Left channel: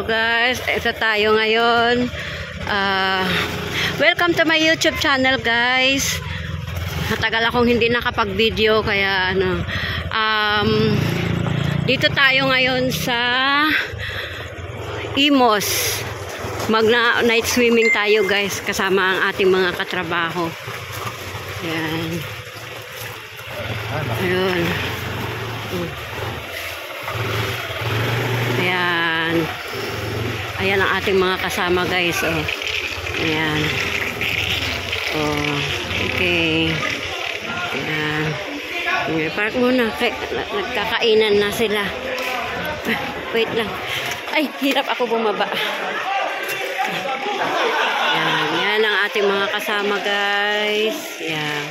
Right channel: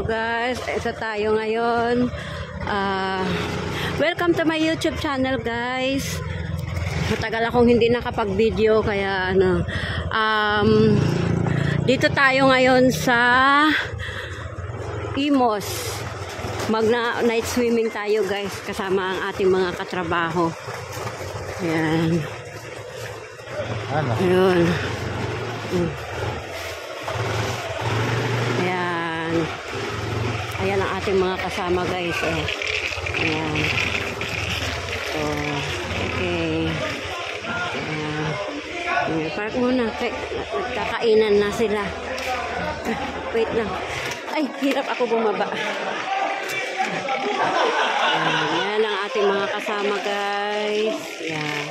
Hello guys, ito tayo ngayon. Welcome to my YouTube channel guys. Matagal akong hindi nakapag-video kaya dito tayo ngayon sa Imos. Night swimming tayo guys kasama ang ating mga katrabaho. Ayan. Ayun. Ayan. Ayan ang ating mga kasama guys. Oh. Ayan. Oh. Okay. Ayan. Park muna. Nagkakainan na sila. Wait lang. Ay, hirap ako bumaba. Ayan. Yan ang ating mga kasama guys. Ayan.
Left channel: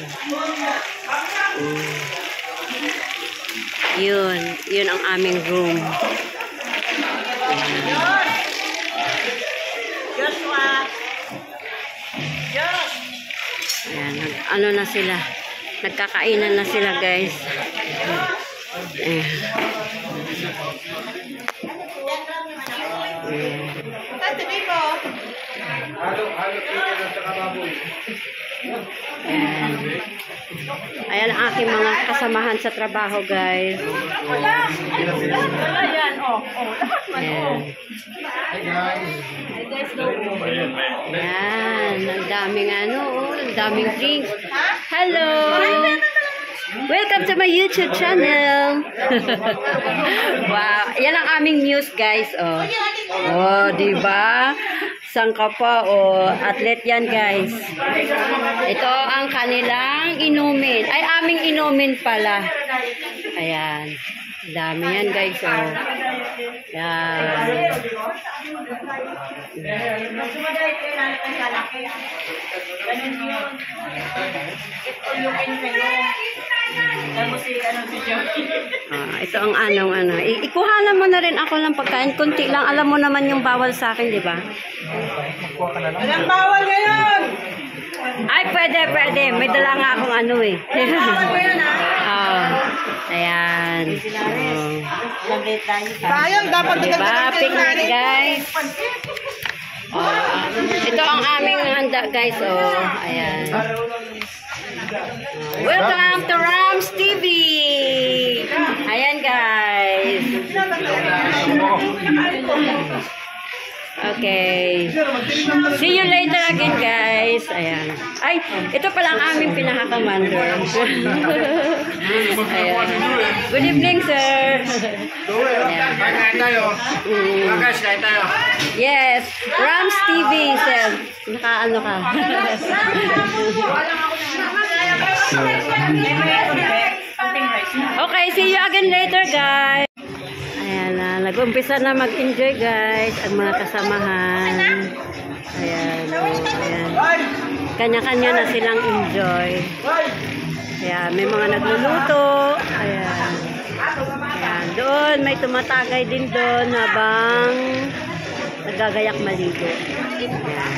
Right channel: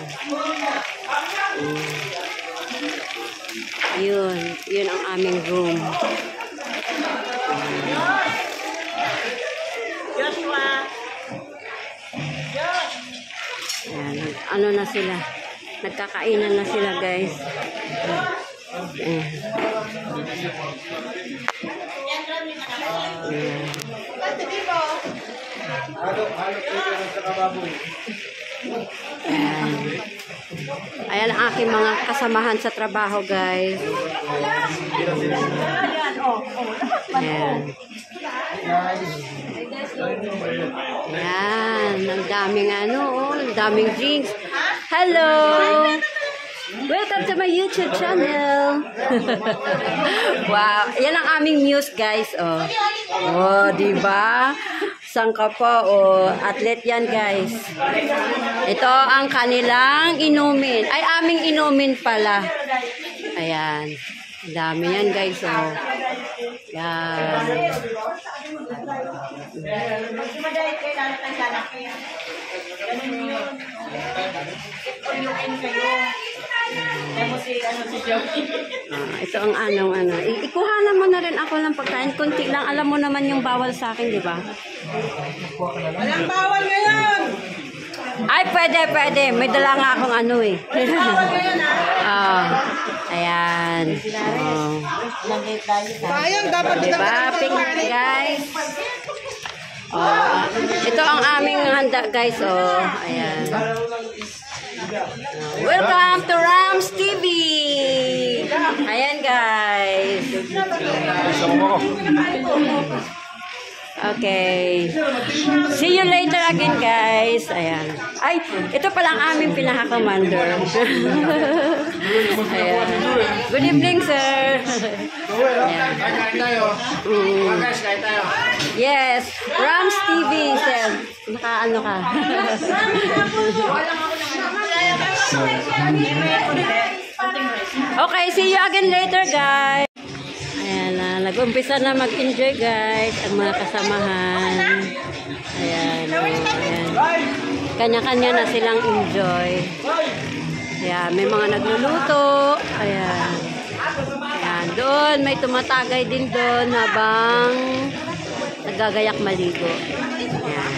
Yun ang aming room. Ayan, ano na sila. Nagkakainan na sila, guys. Ayan. Ayan. Ayan ang aking mga kasamahan sa trabaho guys. Ayan. Ayan. Ang daming ang daming drinks. Hello! Welcome to my YouTube channel. Wow. Ayan ang aming muse guys. Oh, diba? Sangka pa, atlet yan guys. Ito ang kanilang inumin. Ay, aming inumin pala. Ayan. Dami yan guys, Yan. Ito ang ikuhanan mo na rin ako ng pagkain. Kunti lang. Alam mo naman yung bawal sa akin, di ba? Walang bawal ngayon! Ay, pwede. May dala nga akong Ayan. Sayang, dapat diba? Picnic, guys. Ito ang aming handa, guys. Ayan. Welcome to Rams TV. Ayan, guys. Okay. See you later again, guys. Ayan. Ay, ito pala ang aming pinaka-commander. Ayan. Good evening, sir. Ayan. Yes. Rams TV, sir. Naka-ano ka? Okay, see you again later, guys. Ayan na, nag-umpisa na mag-enjoy guys ang mga kasamahan. Ayan, ayan. Kanya-kanya na silang enjoy. Ayan, may mga nagluluto. Ayan. Ayan, doon may tumatagay din doon habang nagagayak maligo. Ayan.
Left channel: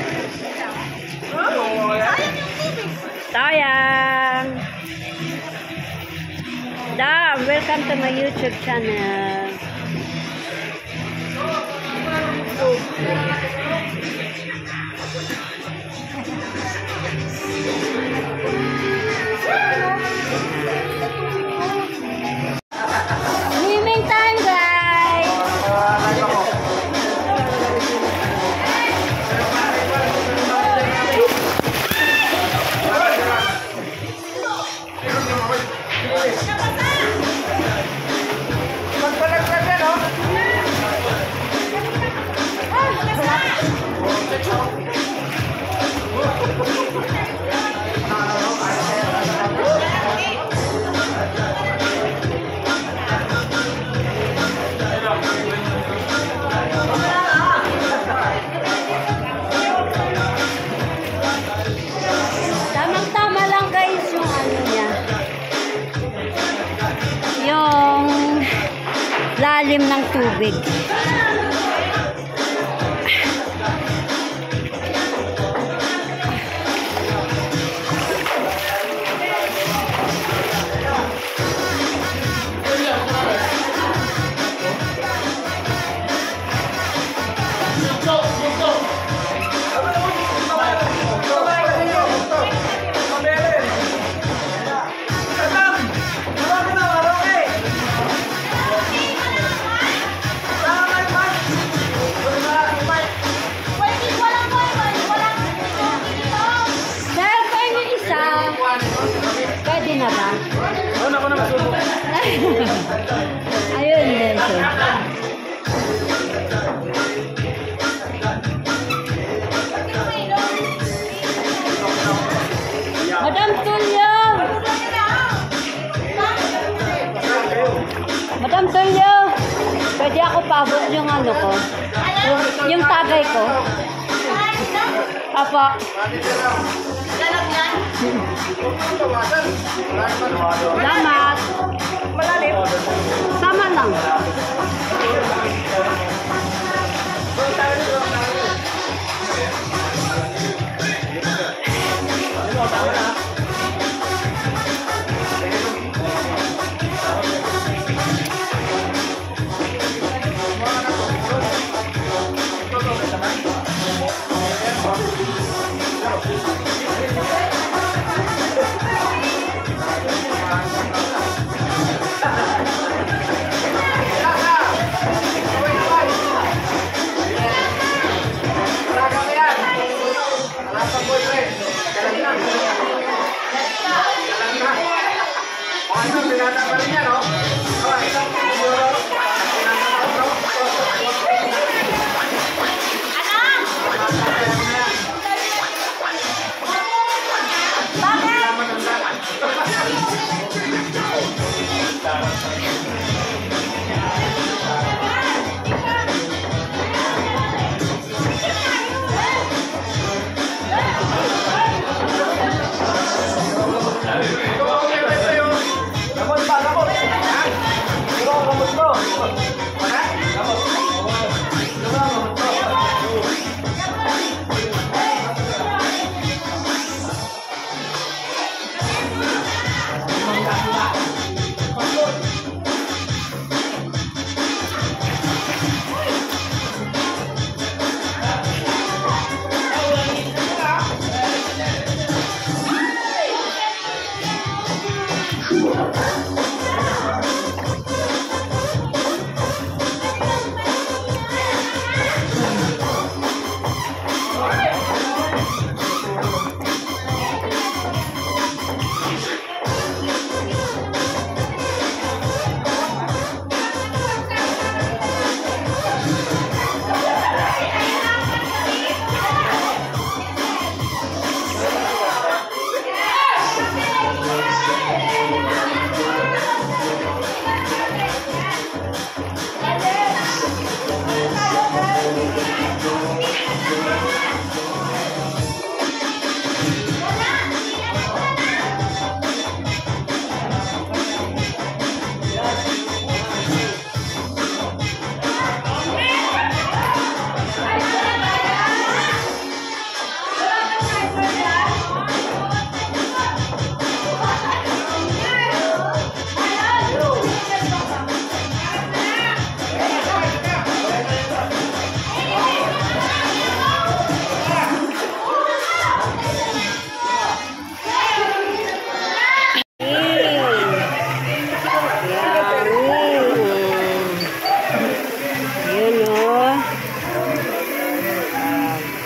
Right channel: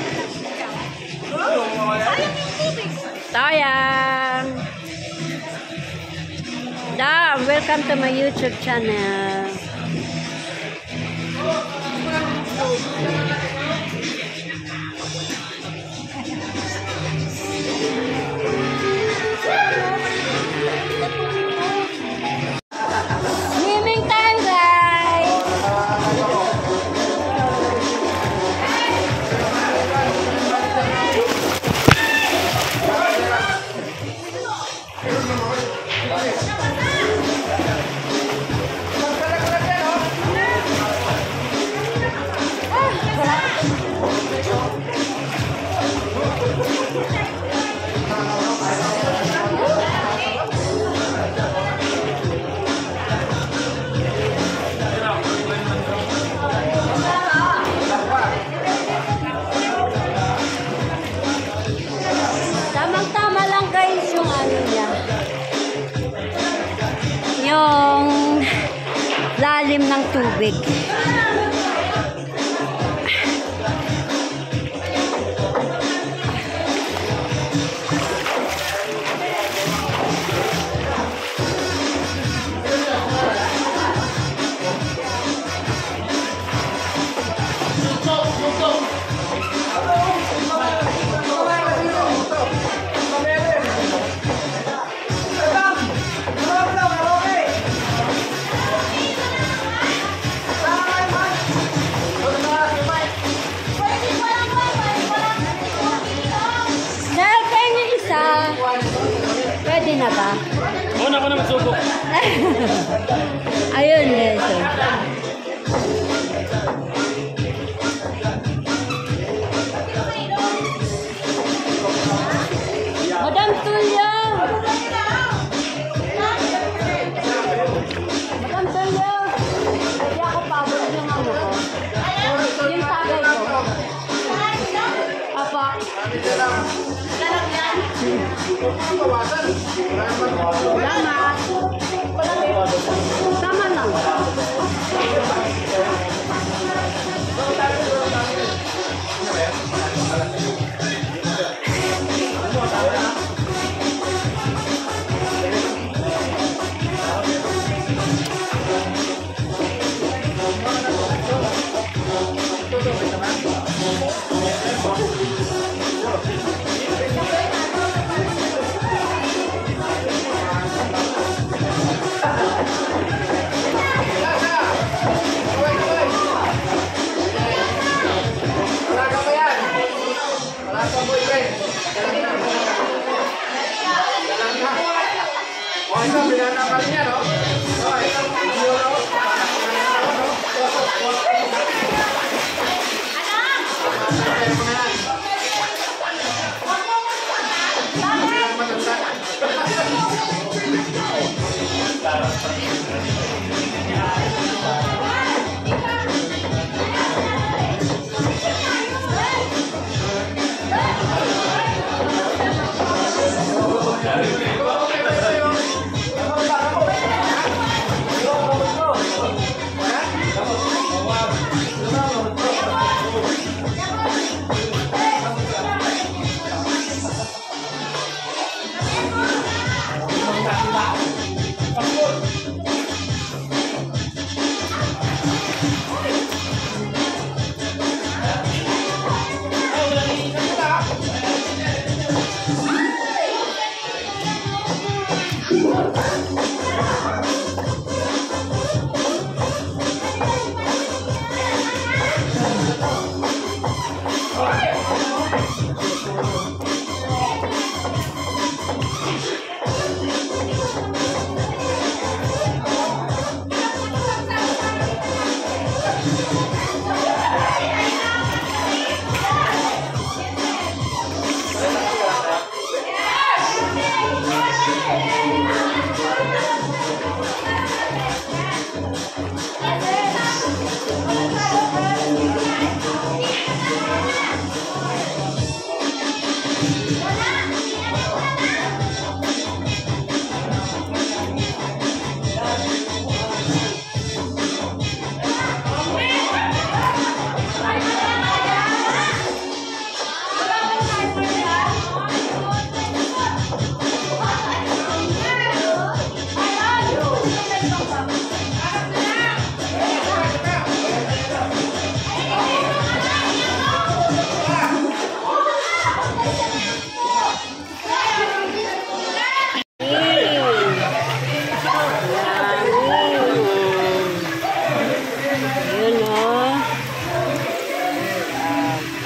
Sayang! Welcome to my YouTube channel. Swimming time, guys. Tamang-tama lang guys yung niya. Yung lalim ng tubig. ba? Oo, ako na magsubok. Ayun, guys. Oh. Madam Tulyo! Madam Tulyo! Pwede ako pabot yung ano ko? Yung tagay ko. Apa? Salamat. Sama lang.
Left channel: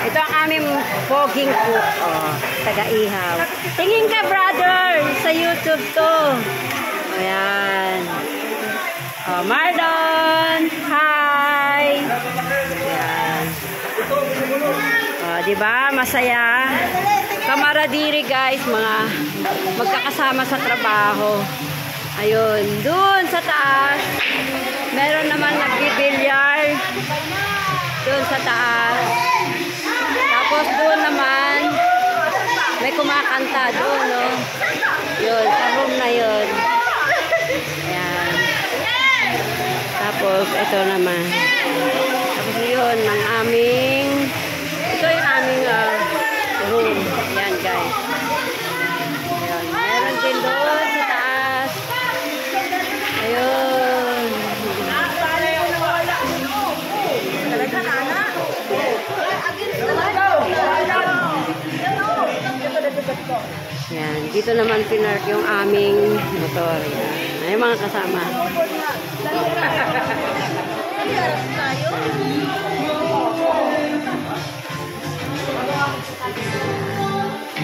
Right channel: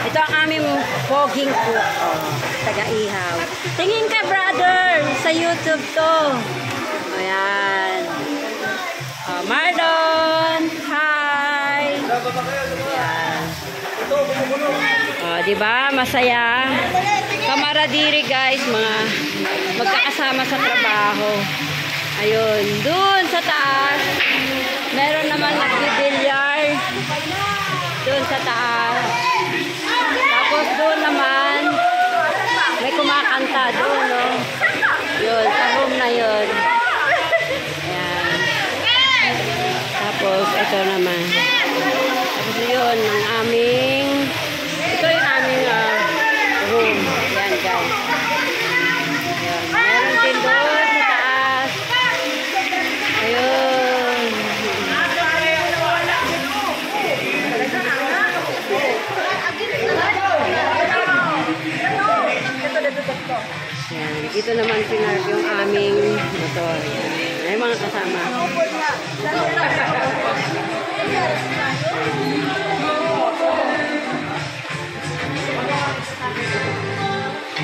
Ito ang aming poging cook. Oh, taga-ihaw. Tingin ka, brother, sa YouTube to. Ayan. Oh, Marlon. Hi. Ayan. Oh, di ba? Masaya. Kamaradiri, guys, mga magkakasama sa trabaho. Ayun, dun sa taas. Meron naman nagbibilyar. Dun sa taas. Tapos doon naman, may kumakanta doon, no? Yun, sa room na yun. Ayan. Tapos, ito naman. Tapos yun, ang aming, ito yung aming room. Ayan, guys. Ayan. Meron din doon sa taas. Ayun. Yan, dito naman pinark yung aming motor. Yan. May mga kasama.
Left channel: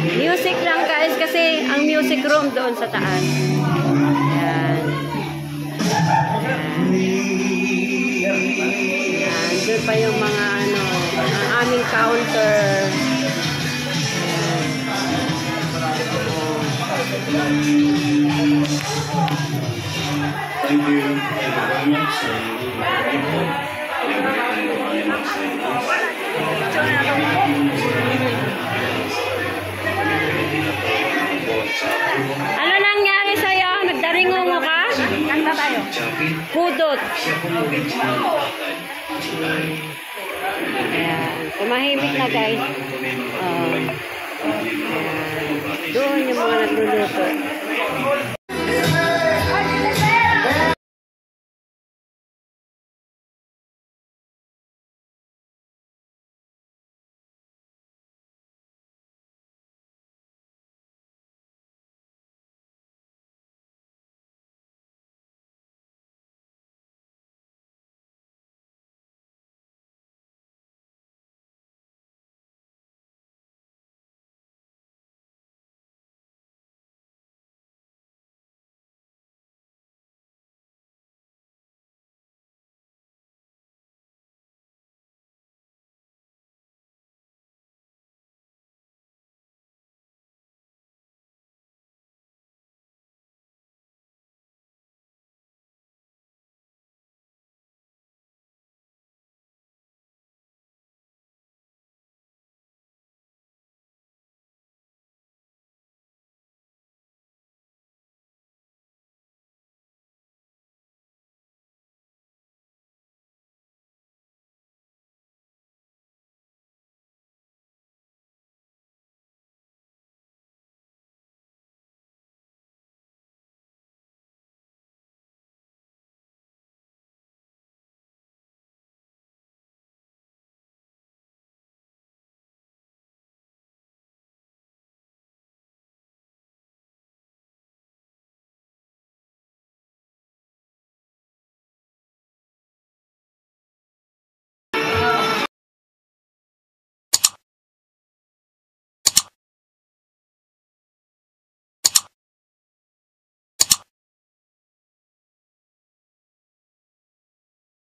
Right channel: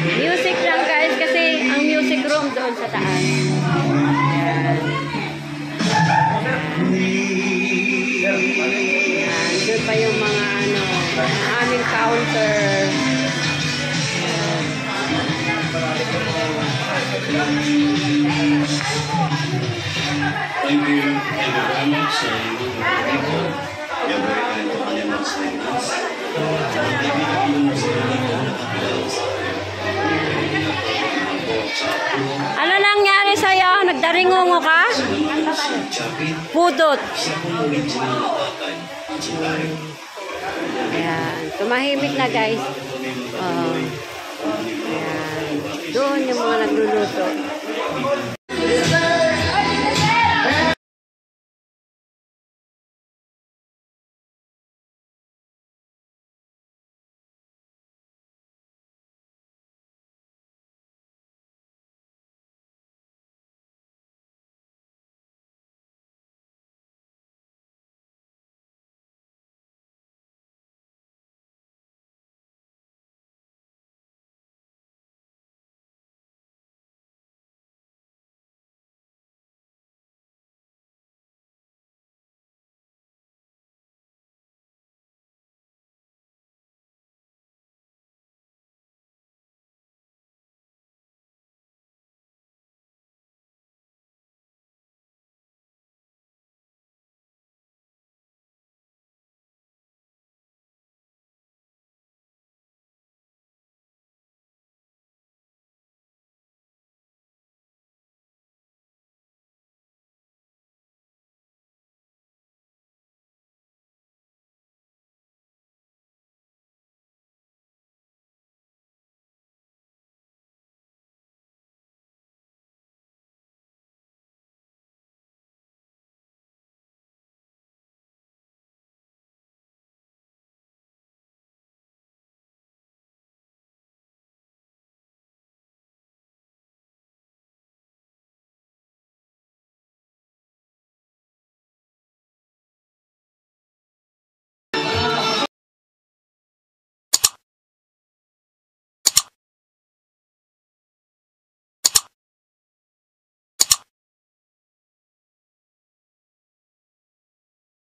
Music lang guys kasi ang music room doon sa taas. Ayan. Ayan. Doon pa yung mga ano, ang aming counter. Ayan. Thank you. Thank you very much. So, you will Ano nangyari sa'yo? Nagdaringungo ka? Kanta tayo. Pudot. Ayan. Tumahimik na guys. Ayan. Doon yung mga nagluluto.